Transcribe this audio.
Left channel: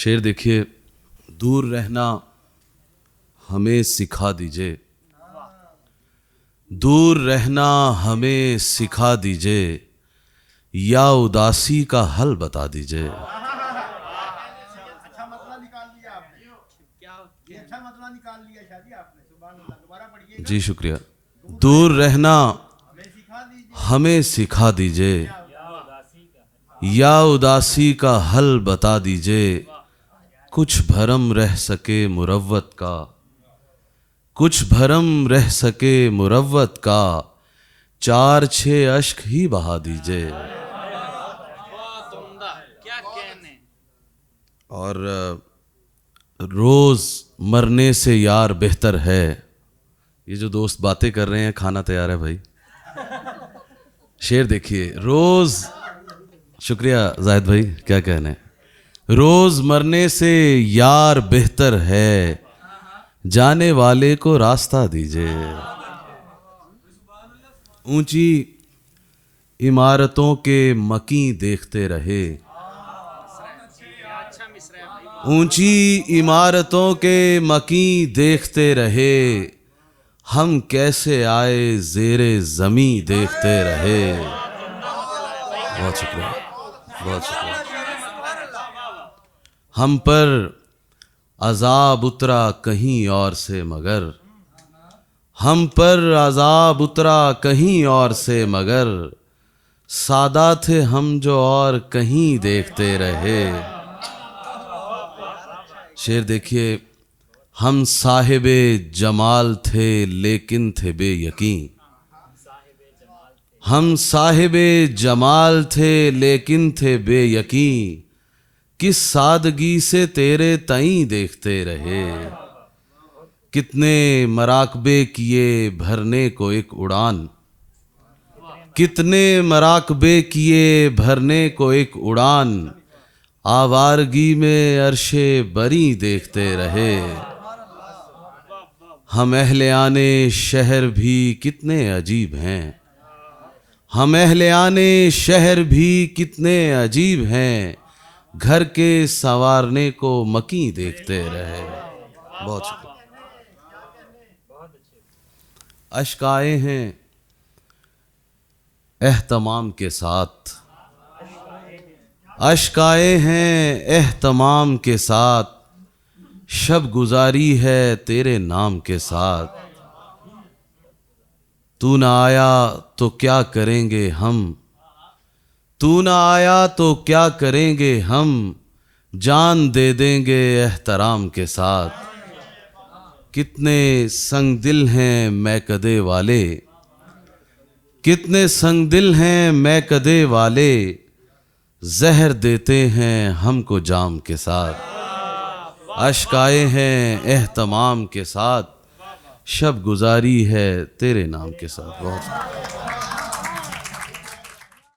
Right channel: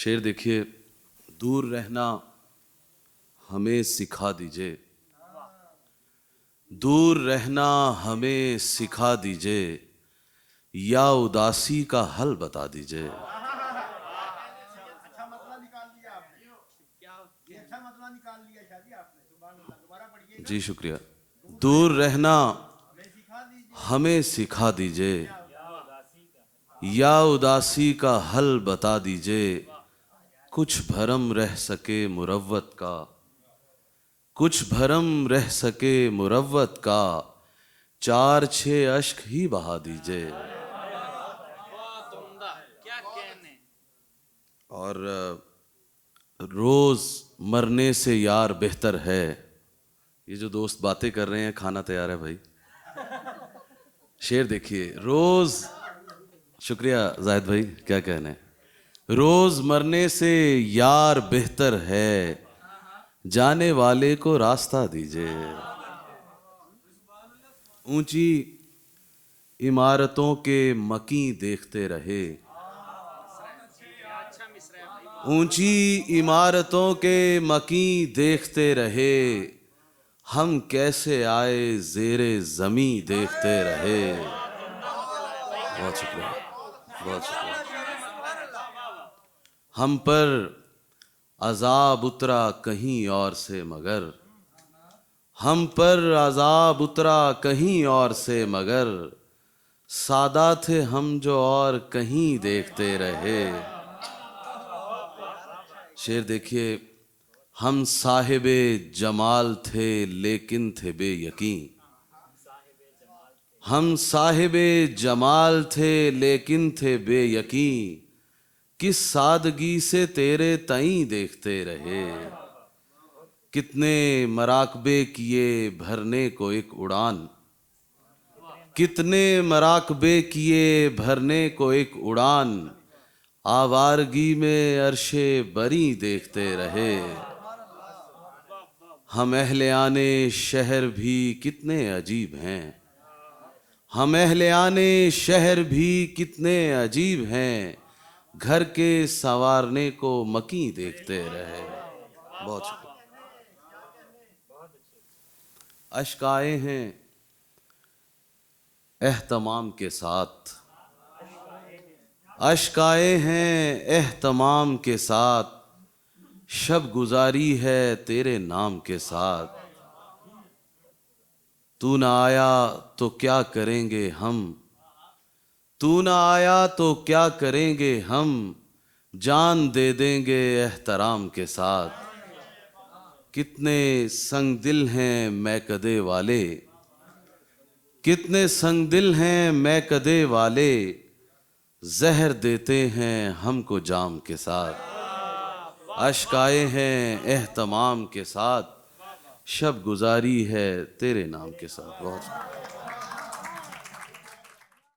شعر دیکھیے، دور رہنا ہمیں سکھا دیجئے، دور رہنا ہمیں سکھا دیجئے، یا اداسی کا حل بتا دیجئے۔ اچھا مسئلہ نکال لیا آپ نے، یہ اچھا مسئلہ نکال لیا شادی آپ نے، سبحان اللہ۔ دوبارہ پڑھیے گا۔ جی شکریہ۔ دور رہنا ہمیں سکھا دیجیے، ہمیں سکھا دیجئے، یا اداسی کا حل بتا دیجئے، کچھ بھرم رہ سکے مروت کا، کچھ بھرم رہ سکے مروت کا، چار چھ اشک ہی بہا دیجئے۔ اور روز مرنے سے یار بہتر ہے۔ یہ جو دوست باتیں کر رہے ہیں، کھانا تیار ہے بھائی۔ شعر دیکھیے، روز، شکریہ زاہد بھائی، کیا کہنے، روز مرنے سے یار بہتر ہے، جانے والے کو راستہ دیجئے۔ اونچی عمارتوں کے مکیں دیکھتے رہے، اونچی عمارتوں کے مکیں دیکھتے رہے، ہم کیسے آئے زیر زمیں دیکھتے رہے۔ بہت شکریہ، بہت شکریہ۔ ہم پر عذاب اترا کہیں اور سے مگر، ہم پر عذاب اترا کہیں اور سے مگر، سادہ تھے ہم جو اور کہیں دیکھتے رہے۔ شعر دیکھیے، ہم صاحب جمال تھے لیکن تھے بے یقین، ہم صاحب جمال تھے لیکن تھے بے یقین، کس سادگی سے تیرے تئیں دیکھتے رہے۔ کتنے مراقبے کیے بھرنے کو ایک اڑان، کتنے مراقبے کیے بھرنے کو ایک اڑان، آوارگی میں عرش بری دیکھتے رہے۔ ہم اہل آن شہر بھی کتنے عجیب ہیں، ہم اہل آن شہر بھی کتنے عجیب ہیں، گھر کے سنوارنے کو مکیں دیکھتے رہے۔ بہت شکریہ۔ اشک آئے ہیں اہتمام کے ساتھ، اشک آئے ہیں اہتمام کے ساتھ، شب گزاری ہے تیرے نام کے ساتھ، تو نہ آیا تو کیا کریں گے ہم، تو نہ آیا تو کیا کریں گے ہم، جان دے دیں گے احترام کے ساتھ۔ کتنے سنگ دل ہیں میکدے والے، کتنے سنگ دل ہیں میکدے والے، زہر دیتے ہیں ہم کو جام کے ساتھ۔ اشک آئے ہیں اہتمام کے ساتھ، شب گزاری ہے تیرے نام کے ساتھ۔ بہت